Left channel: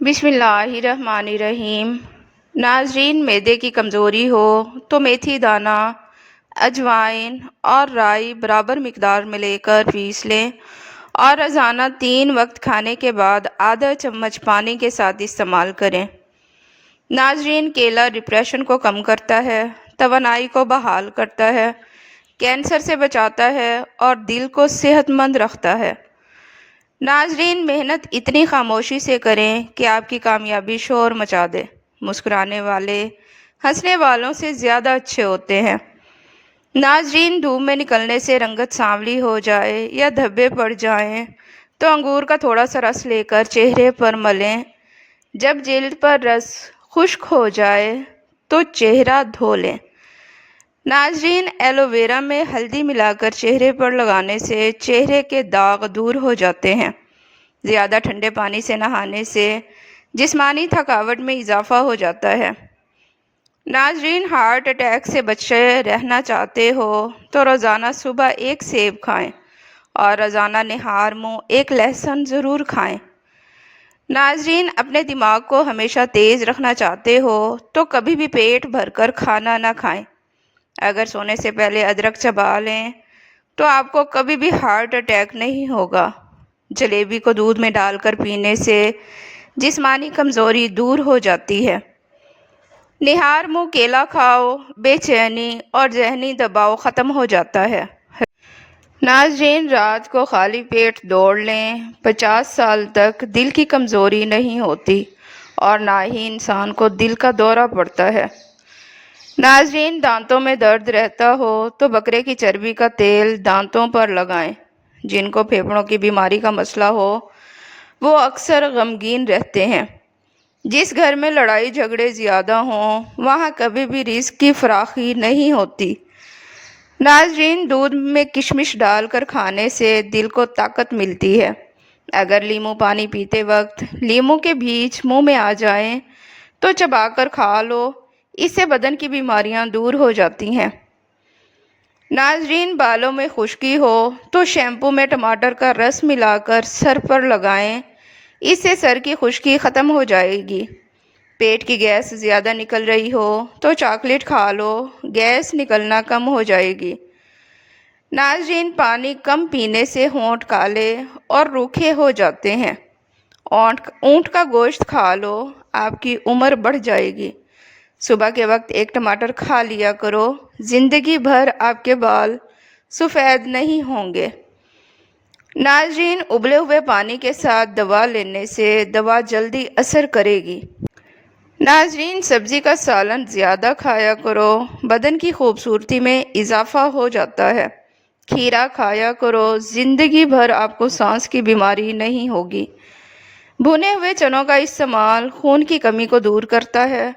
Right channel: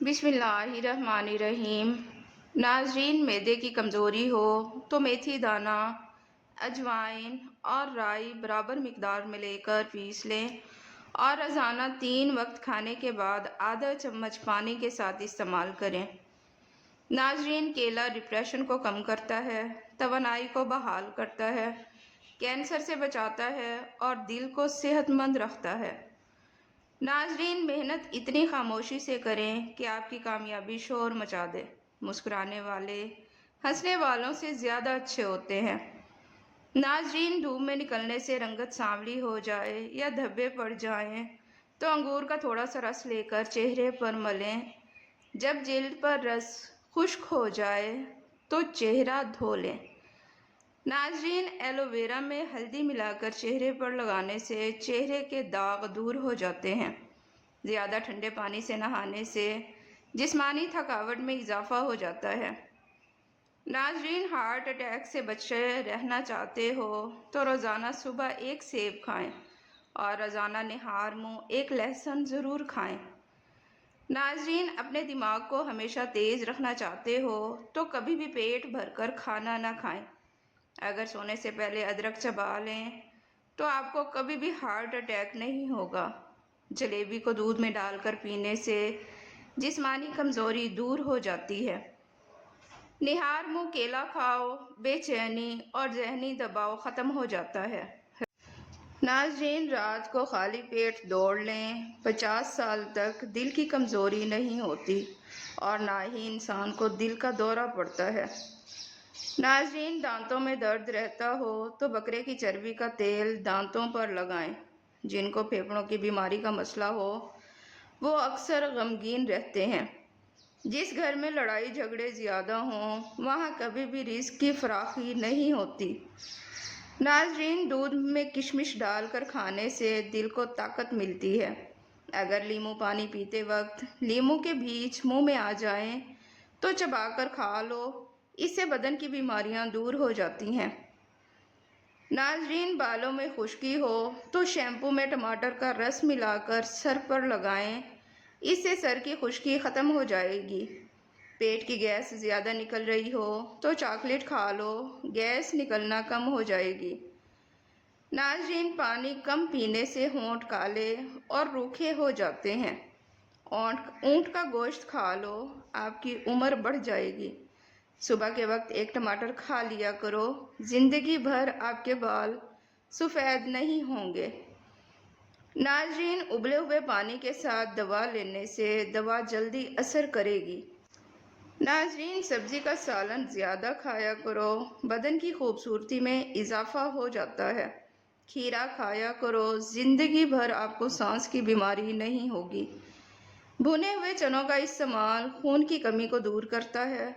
بسم اللہ الرحمن الرحیم۔ ناظرین، معدے کی کمزوری ہو تو میتھی دانہ، اجوائن اور رائی برابر مقدار میں لے کر پیس لیں اور روزانہ 3 وقت کھانے کے بعد آدھا چمچ پانی کے ساتھ استعمال کریں۔ ناظرین، کیلا ڈپریشن کو کم کرتا ہے، توانائی کو بحال کرتا ہے، کینسر سے بچاتا ہے اور دل کو صحت مند رکھتا ہے۔ ناظرین، محنت اتنی خاموشی سے کریں کہ آپ کی کامیابی شور مچا دے۔ مسکرانے والے ہنسنے والوں سے زیادہ اچھے ہوتے ہیں۔ ناظرین، دھوپ میں نکلنے سے رنگت سانولی ہو جائے یا دھبے پڑ جائیں تو انگور کا تھوڑا سا رس لے کر چہرے پر ملیں۔ جب جلد پر رس خشک ہو جائے تو چہرہ دھو لیں۔ ناظرین، ایلو ویرا میں ہلدی ملا کر چہرے پر لگانے سے چہرے کے داغ دور ہو جاتے ہیں۔ زیادہ ٹھنڈے پانی سے نہانے سے جسمانی تھکاوٹ میں اضافہ ہو جاتا ہے۔ ناظرین، ہارٹ اٹیک سے بچے رہنا چاہتے ہو تو روزانہ صبح 1 سیب کھائیں اور روزانہ نہار منہ 1 لہسن ضرور کھائیں۔ ناظرین، اپنے دماغ کو ہمیشہ تیز رکھنا چاہتے ہو تو کبھی بھی پیٹ بھر کر کھانا نہ کھائیں۔ اگر سونے سے پہلے ادرک چبا لیں تو آپ کو کبھی بھی ہارٹ اٹیک نہیں ہوگا۔ جلیبی کو دودھ میں ڈال کر پینے سے جسمانی کمزوری دور ہو جاتی ہے۔ نہار منہ کیلا کھاؤ، بے چینی اور ذہنی دباؤ ختم ہو جاتا ہے۔ ناظرین، رات کو خالی پیٹ دوڑ لیں۔ 50 سال تک دل کی کمزوری نہیں ہوتی اور نہ ہی انسان کو دل کا دورہ پڑتا ہے۔ ناظرین، دانتوں میں درد رہتا ہو تو بکرے کی چربی کا تیل دانتوں پر لگائیں۔ جن کو پھیپھڑوں کی بیماری کا مسئلہ ہو وہ اکثر غمگین رہتے ہیں۔ جس گھر میں لڑائی جھگڑے زیادہ ہوں وہاں کبھی بھی رزق کی فراخی نہیں ہوتی۔ ناظرین، دودھ میں کشمش ڈال کر کھانے سے دل کو طاقت ملتی ہے۔ اگر لیموں پانی پیتے وقت لیموں کے بیج منہ میں آ جائیں تو چبا کر کھا لو، اس سے بدن کی بیماریاں دور ہو جاتی ہیں۔ ناظرین، بالوں میں خشکی ہو تو شیمپو میں ٹماٹر کا رس ملا کر سر پر لگائیں، اس سے سر کی خشکی ختم ہو جائے گی۔ پیٹ کی گیس زیادہ نکل رہی ہو تو چاکلیٹ کھا لو، گیس نکلنا کم ہو جائے گی۔ ناظرین، پانی کم پینے سے ہونٹ کالے اور روکھے ہو جاتے ہیں۔ اونٹ کا گوشت کھا لو، آپ کی عمر بڑھ جائے گی۔ صبح کے وقت 1 ٹماٹر کھا لیا کرو، زندگی بھر آپ کے بال سفید نہیں ہوں گے۔ ناظرین، ابلے ہوئے پانی کے ساتھ دوا لینے سے دوا جلدی اثر کرے گی۔ ناظرین، سبزی کا سالن زیادہ کھایا کرو، بدن کی خوبصورتی میں اضافہ ہو جاتا ہے۔ کھیرا کھایا کرو، زندگی بھر آپ کو سانس کی بیماری نہیں ہوگی۔ بھنے ہوئے چنوں کا استعمال خون کی کمی کو دور کرتا ہے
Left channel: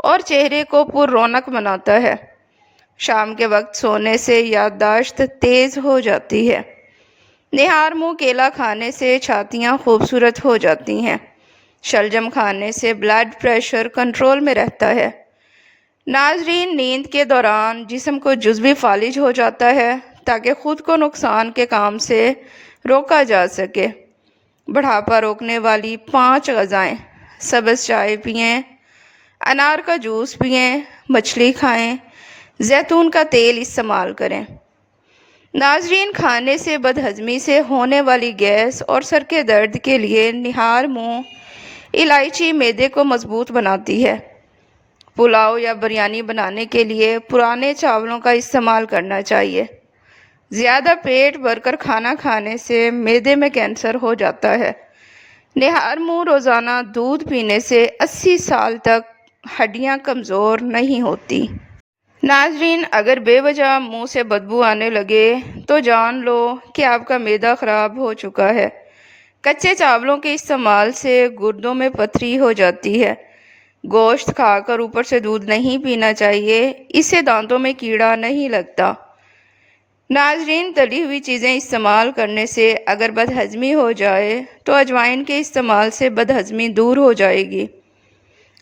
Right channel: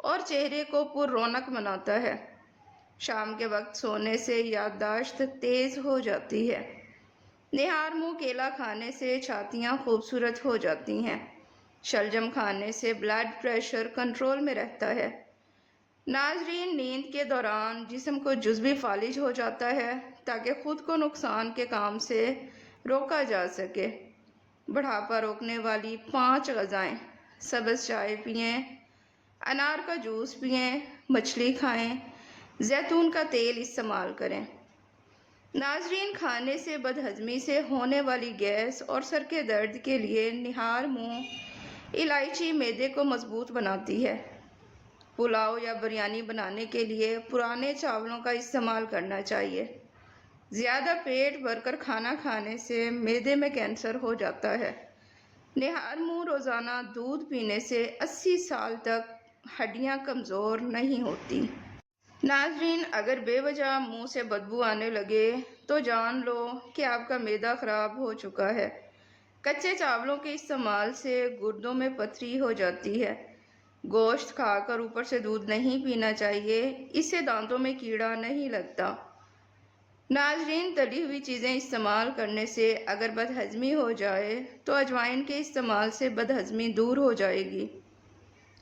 اور چہرے کو پر رونق بناتا ہے۔ شام کے وقت سونے سے یادداشت تیز ہو جاتی ہے۔ نہار منہ کیلا کھانے سے چھاتیاں خوبصورت ہو جاتی ہیں۔ شلجم کھانے سے بلڈ پریشر کنٹرول میں رہتا ہے۔ ناظرین، نیند کے دوران جسم کو جزوی فالج ہو جاتا ہے تاکہ خود کو نقصان کے کام سے روکا جا سکے۔ بڑھاپا روکنے والی 5 غذائیں: سبز چائے پئیں، انار کا جوس پئیں، مچھلی کھائیں، زیتون کا تیل استعمال کریں۔ ناظرین، کھانے سے بد ہضمی سے ہونے والی گیس اور سر کے درد کے لیے نہار منہ الائچی معدے کو مضبوط بناتی ہے۔ پلاؤ یا بریانی بنانے کے لیے پرانے چاولوں کا استعمال کرنا چاہیے۔ زیادہ پیٹ بھر کر کھانا کھانے سے معدے میں کینسر ہو جاتا ہے۔ نہار منہ روزانہ دودھ پینے سے 80 سال تک ہڈیاں کمزور نہیں ہوتی۔ ناظرین، اگر بے وجہ منہ سے بدبو آنے لگے تو جان لو کہ آپ کا معدہ خراب ہو چکا ہے۔ کچے چاولوں کے استعمال سے گردوں میں پتھری ہو جاتی ہے۔ گوشت کھا کر اوپر سے دودھ نہیں پینا چاہیے، اس سے دانتوں میں کیڑا نہیں لگتا۔ ناظرین، تلی ہوئی چیزیں استعمال کرنے سے اگر بد ہضمی ہو جائے تو اجوائن کے استعمال سے بد ہضمی دور ہو جائے گی۔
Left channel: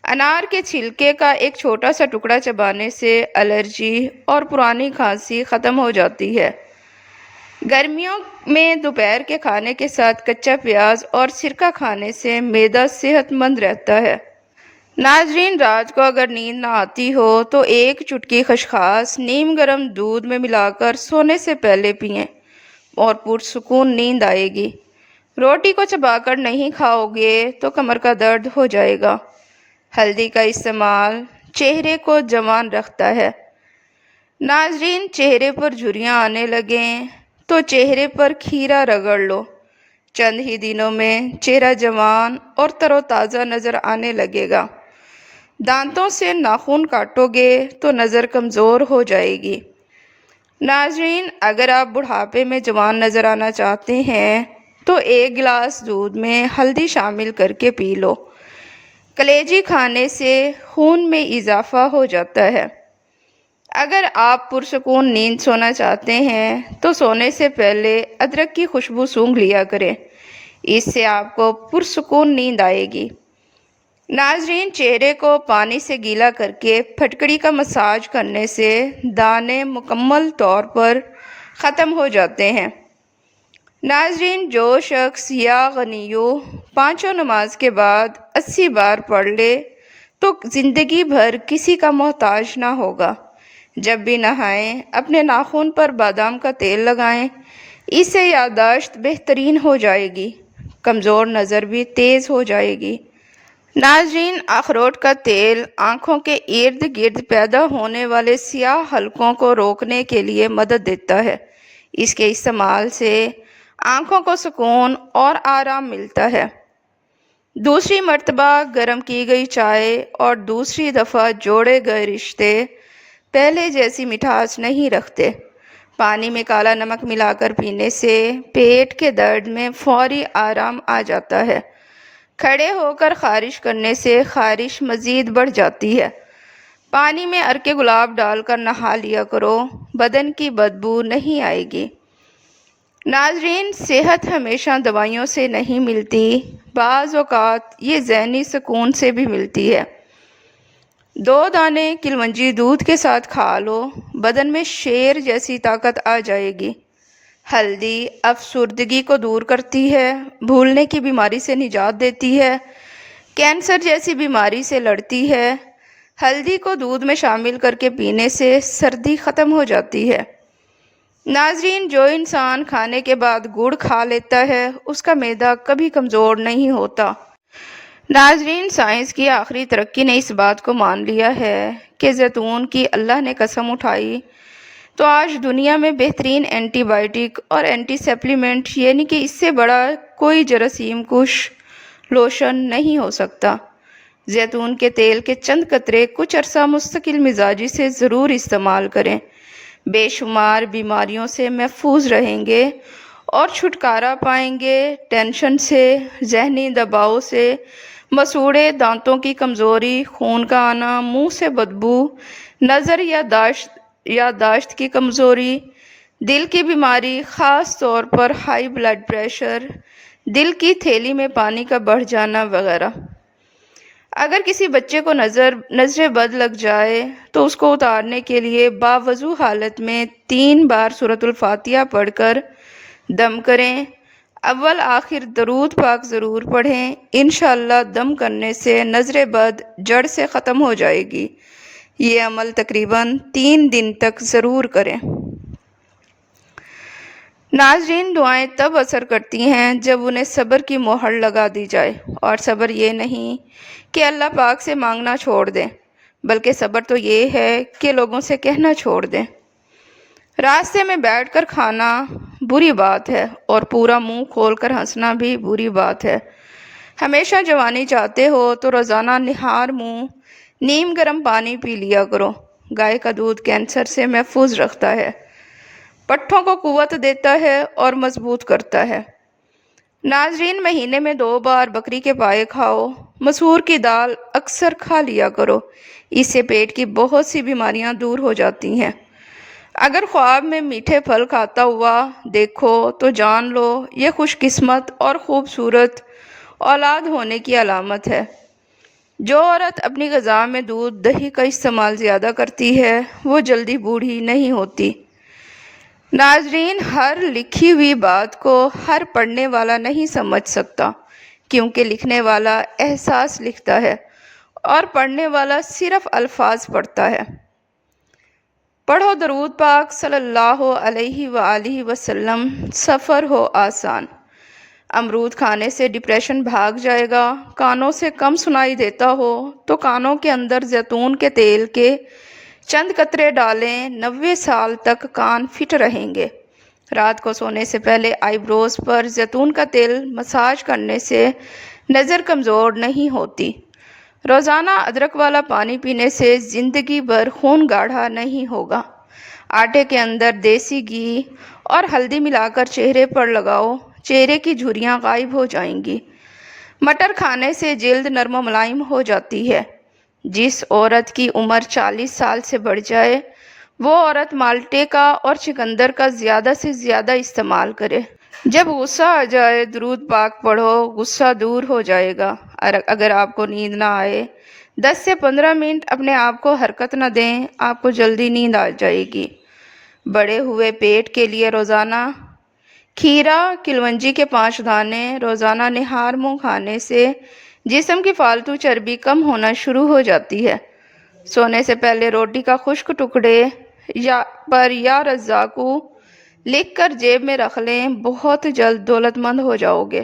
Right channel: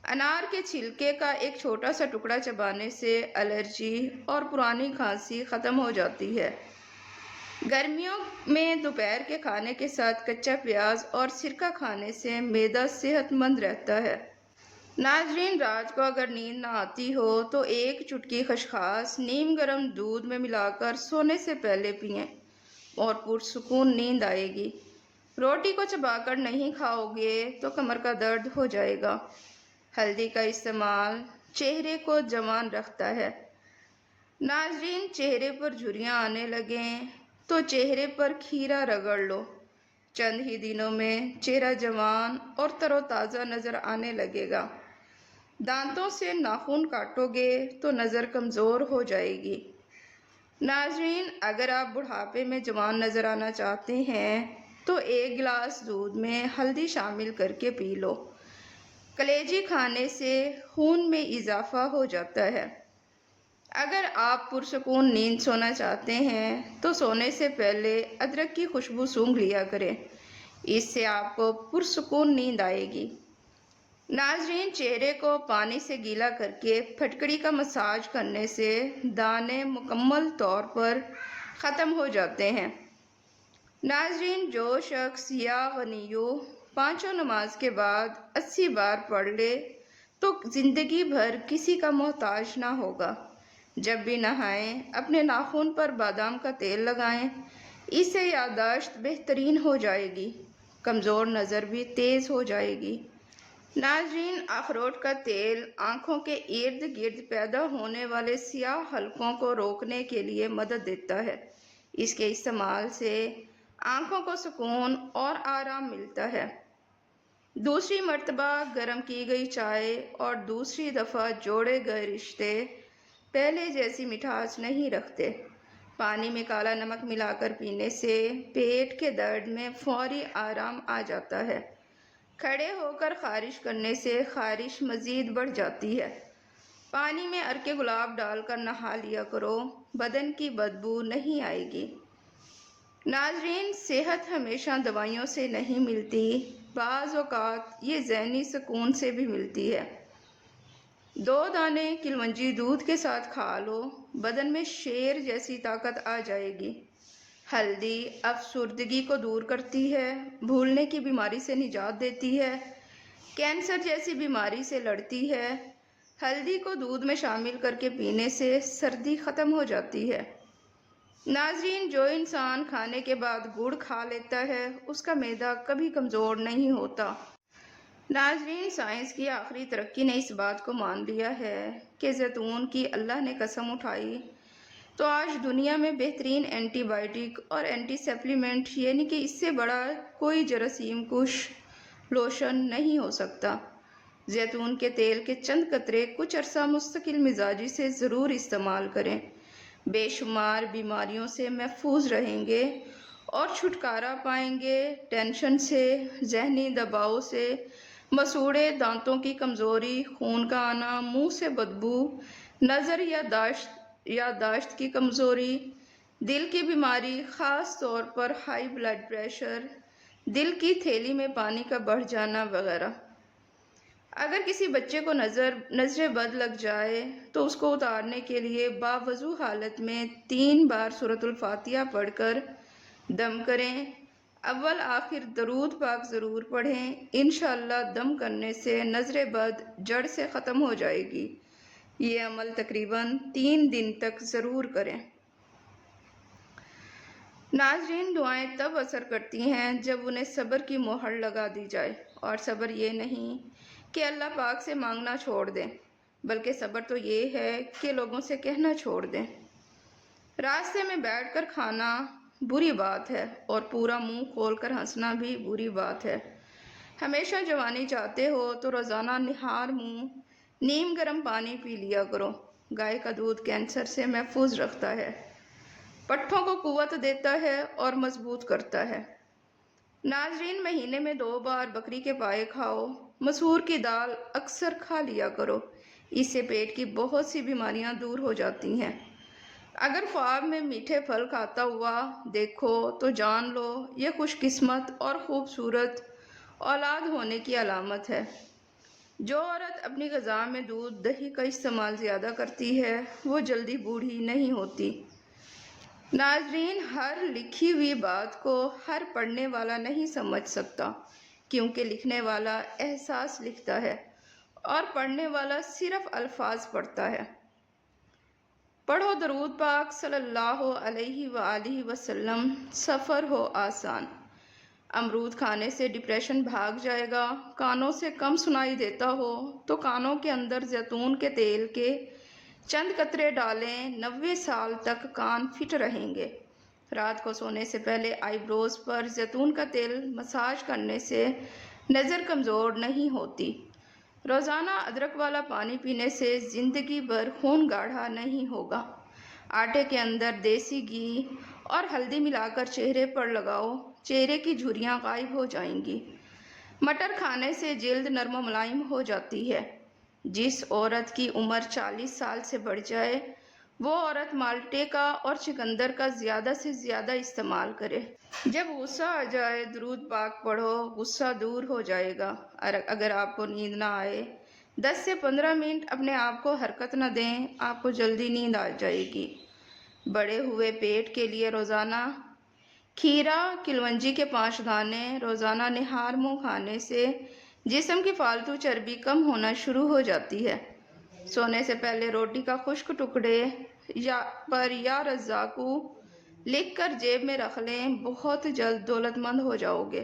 انار کے چھلکے کا ایک چھوٹا سا ٹکڑا چبانے سے الرجی اور پرانی کھانسی ختم ہو جاتی ہے۔ گرمیوں میں دوپہر کے کھانے کے ساتھ کچا پیاز اور سرکہ کھانے سے معدہ صحت مند رہتا ہے۔ ناظرین، رات کو اگر نیند نہ آتی ہو تو ایک چٹکی خشخاص نیم گرم دودھ میں ملا کر سونے سے پہلے پئیں اور پرسکون نیند آئے گی۔ روٹی کو چبا کر نہیں کھاؤ گے تو کمر کا درد ہو جائے گا۔ ہلدی کا استعمال چہرے کو جوان رکھتا ہے۔ ناظرین، چہرے پر جھریاں آنے لگیں تو چہرے پر کھیرا رگڑ لو۔ چند ہی دنوں میں چہرہ جوان اور تر و تازہ نظر آنے لگے گا۔ دانتوں سے ناخن کاٹو گے تو نظر کمزور ہو جائے گی۔ ناظرین، اگر آپ بڑھاپے میں جوان نظر آنا چاہتے ہیں تو ایک گلاس دودھ میں ہلدی شامل کر کے پی لو۔ کلیجی کھانے سے خون میں اضافہ ہو جاتا ہے۔ اگر آپ پرسکون نیند سونا چاہتے ہیں تو سونے سے پہلے ادرک کی خوشبو سونگھ لیا کریں، اس سے آپ کو پرسکون نیند آئے گی۔ ناظرین، چہرے کو پانی سے گیلا کر کے پھٹکڑی کا مساج کرنے سے دانے مکمل طور پر ختم ہو جاتے ہیں۔ ناظرین، جو شخص یا غنیو پانچوں نماز کے بعد 80 بار پڑھ لے تو زندگی بھر کسی کا محتاج نہ ہوگا۔ جب بھی نہائیں اپنے ناخن پر بادام کا تیل لگائیں، اس سے یادداشت بہترین ہو جائے گی، کمزور نظر بھی تیز ہو جائے گی۔ ناظرین، اخروٹ کا تیل آنکھوں کے ارد گرد پیدا ہونے والے سیاہ حلقوں کو روکنے کے لیے مدد دیتا ہے۔ اس کے استعمال سے آنکھوں کو سکون اور آرام ملتا ہے۔ دوسری مرتبہ گرم کی گئی چائے اور دوسری دفعہ جوڑے گئے رشتے پہلے جیسی مٹھاس نہیں رکھتے۔ پانی میں کالا نمک ملا کر پینے سے پیٹ کے درد میں فوری آرام آ جاتا ہے۔ کھڑے ہو کر خارش کرنے سے خارش مزید بڑھ جاتی ہے۔ پانی میں عرق گلاب ڈال کر نہا لیا کرو، بدن کی بدبو نہیں آئے گی۔ ناظرین، صحت ہمیشہ دوائیوں سے نہیں ملتی، بعض اوقات یہ ذہنی سکون سے بھی ملتی ہے۔ 2 دانے کلونجی دودھ کے ساتھ کھا لو، بدن میں شیر جیسی طاقت آ جائے گی۔ ہلدی افسردگی کو دور کرتی ہے، بھولنے کی بیماری سے نجات دیتی ہے، کینسر جیسی بیماری سے لڑتی ہے۔ ہلدی کو دودھ میں شامل کر کے پینے سے سردی ختم ہو جاتی ہے۔ ناظرین، جو انسان کھانے کے بعد گڑ کھا لیتا ہے اس کا معدہ کبھی کمزور نہیں ہوتا۔ ناظرین، سائنس کی آخری ترقی نے اس بات کو مان لیا ہے کہ زیتون کی اللہ نے قسم اٹھائی تو آج دنیا میں بہترین اینٹی بائیوٹک اور اینٹی سپلیمنٹ یعنی کہ اس سے بڑا کوئی جراثیم کش لوشن نہیں ہو سکتا۔ زیتون کے تیل کے چند قطرے کچھ عرصہ مستقل مزاجی سے ضرور استعمال کریں، بے شمار بیماریوں سے محفوظ رہیں گے اور چھٹکارا پائیں گے۔ ٹینشن سے، ذہنی دباؤ سے، مسوڑے دانتوں کی کمزوری، خون کا آنا، منہ سے بدبو، نظر یا یادداشت کی کمزوری، دل کی بیماری خاص طور پر ہائی بلڈ پریشر، دل کی تھیلی میں پانی کا بڑھ جانا وغیرہ۔ اگر کسی بچے کو نظر بد لگ جائے تو اس کو اتارنے کے لیے باوضو حالت میں 3 بار سورۃ الفاتحہ پڑھ کر دم کریں۔ اول آخر درود پاک ضرور پڑھیں، انشاءاللہ دم کرنے سے نظر بد جڑ سے ختم ہو جائے گی۔ یہ عمل تقریباً 3 دن تک ضرور کریں۔ ناظرین، دعائیں تب اثر کرتی ہیں جب انہیں صبر کی مہر لگا دی جائے، اور صبر یہ نہیں کہ اللہ پاک سے مانگنا چھوڑ دیں، بلکہ صبر تو یہ ہے کہ لوگوں سے کہنا چھوڑ دیں۔ راستے میں بیٹھ کر کھانا بری بات ہے اور پورا منہ کھول کر ہنسنا بھی بری بات ہے۔ ہمیشہ جوانی چاہتے ہو تو روزانہ نہار منہ نیم گرم پانی پی لیا کرو۔ گائے کا دودھ کینسر سے محفوظ رکھتا ہے، پٹھوں کو قوت دیتا ہے اور مضبوط کرتا ہے۔ ناظرین، مہینے میں 2 بار بکری کے پائے کھاؤ۔ مسور کی دال اکثر کھا لیا کرو، اس سے پیٹ کی بہت سی بیماریاں دور ہو جاتی ہیں۔ اگر خواب میں میٹھے پھل کھاتا ہوا دیکھو تو جان لو یہ خوش قسمت اور خوبصورت اولاد ہونے کی علامت ہے۔ جو عورت اپنی غذا میں دودھ دہی کا استعمال زیادہ کرتی ہے وہ جلدی بوڑھی نہیں ہوتی۔ ناظرین، ہر لکھی ہوئی بات کو ہر پڑھنے والا نہیں سمجھ سکتا، کیونکہ لکھنے والا احساس لکھتا ہے اور پڑھنے والا صرف الفاظ پڑھتا ہے۔ پڑھو درود پاک صلی اللہ علیہ وآلہ وسلم، سفر ہو آسان۔ امرود کھانے سے ڈپریشن بھاگ جائے گا۔ کانوں سے کم سنائی دیتا ہو تو کانوں کے اندر زیتون کے تیل کے چند قطرے ڈالیں، 90 سال تک کان فٹ رہیں گے۔ رات کو سونے سے پہلے آئی بروز پر زیتون کا تیل مساج کرنے سے نظر کمزور نہیں ہوتی۔ روزانہ ادرک والا پانی پینے سے زندگی بھر خون گاڑھا نہیں ہوگا۔ آٹے کے اندر دیسی گھی اور ہلدی ملا کر چہرے پر لگاؤ، چہرے کی جھریاں غائب ہو جائیں گی۔ مٹر کھانے سے جلد نرم و ملائم ہو جاتی ہے۔ جس عورت کی عمر 40 سال سے بڑھ جائے وہ عورت مالٹے کا اور چقندر کا زیادہ سے زیادہ استعمال کرے۔ جب غصہ آ جائے درود پاک پڑھو، غصہ دور ہو جائے گا۔ اگر آپ کو نیند نہ آئے، 10 سے 15 منٹ اپنے آپ کو حرکت نہ دیں، آپ کو جلدی نیند آ جائے گی۔ بڑے ہوئے پیٹ کے لیے روزانہ کھیرا کلونجی کے 5 دانے روزانہ نہار منہ کھانے سے جسم کی فالتو چربی کم ہونا شروع ہو جاتی ہے۔ سونے سے پہلے روٹی کا خشک ٹکڑے یا رزاقو لکھ کر جیب میں رکھ لیں، بہت جلد دولت مند ہو جاؤ گے۔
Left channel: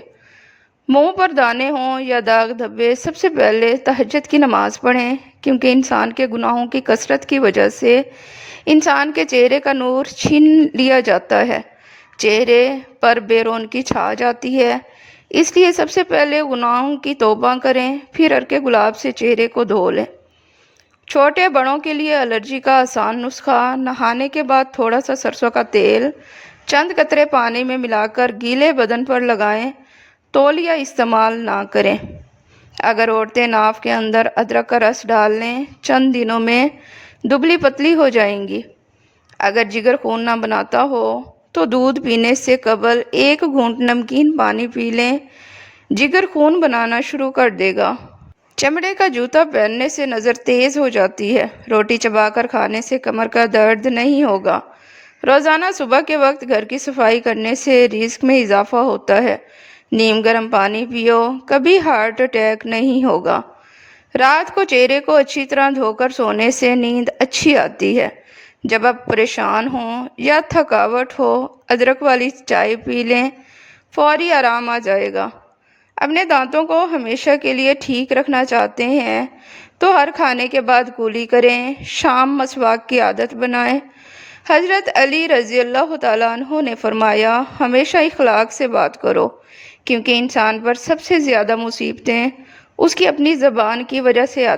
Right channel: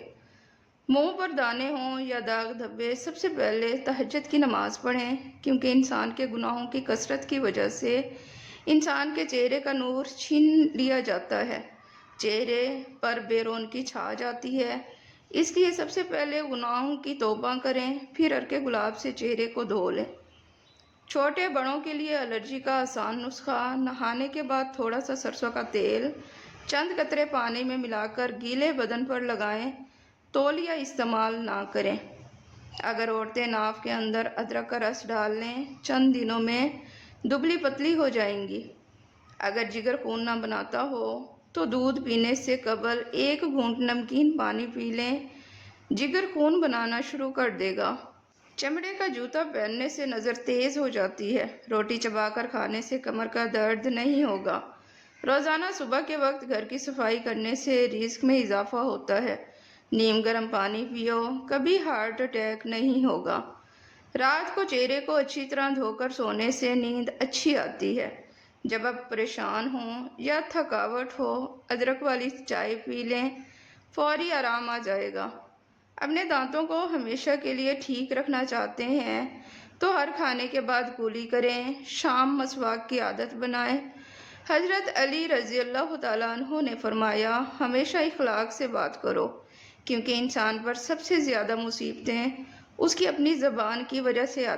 منہ پر دانے ہوں یا داغ دھبے، سب سے پہلے تہجد کی نماز پڑھیں، کیونکہ انسان کے گناہوں کی کثرت کی وجہ سے انسان کے چہرے کا نور چھین لیا جاتا ہے، چہرے پر بے رونقی چھا جاتی ہے۔ اس لیے سب سے پہلے گناہوں کی توبہ کریں، پھر عرق گلاب سے چہرے کو دھو لیں۔ چھوٹے بڑوں کے لیے الرجی کا آسان نسخہ: نہانے کے بعد تھوڑا سا سرسوں کا تیل چند قطرے پانی میں ملا کر گیلے بدن پر لگائیں، تولیہ استعمال نہ کریں۔ اگر عورتیں ناف کے اندر ادرک کا رس ڈال لیں، چند دنوں میں دبلی پتلی ہو جائیں گی۔ اگر جگر خون نہ بناتا ہو تو دودھ پینے سے قبل 1 گھونٹ نمکین پانی پی لیں، جگر خون بنانا شروع کر دے گا۔ چمڑے کا جوتا پہننے سے نظر تیز ہو جاتی ہے۔ روٹی چبا کر کھانے سے کمر کا درد نہیں ہوگا۔ روزانہ صبح کے وقت گھر کی صفائی کرنے سے رزق میں اضافہ ہوتا ہے۔ نیم گرم پانی پیو، کبھی ہارٹ اٹیک نہیں ہوگا۔ رات کو چہرے کو اچھی طرح دھو کر سونے سے نیند اچھی آتی ہے۔ جب آپ پریشان ہوں یا تھکاوٹ ہو، ادرک والی چائے پی لیں، فوری آرام آ جائے گا۔ اپنے دانتوں کو ہمیشہ کے لیے ٹھیک رکھنا چاہتے ہیں تو ہر کھانے کے بعد کلی کریں، شام مسواک کی عادت بنائیں۔ حضرت علی رضی اللہ تعالیٰ عنہ نے فرمایا، ہمیشہ اخلاق سے بات کرو، کیونکہ انسان پر سب سے زیادہ مصیبتیں اس کی اپنی زبان کی وجہ سے آتی ہیں۔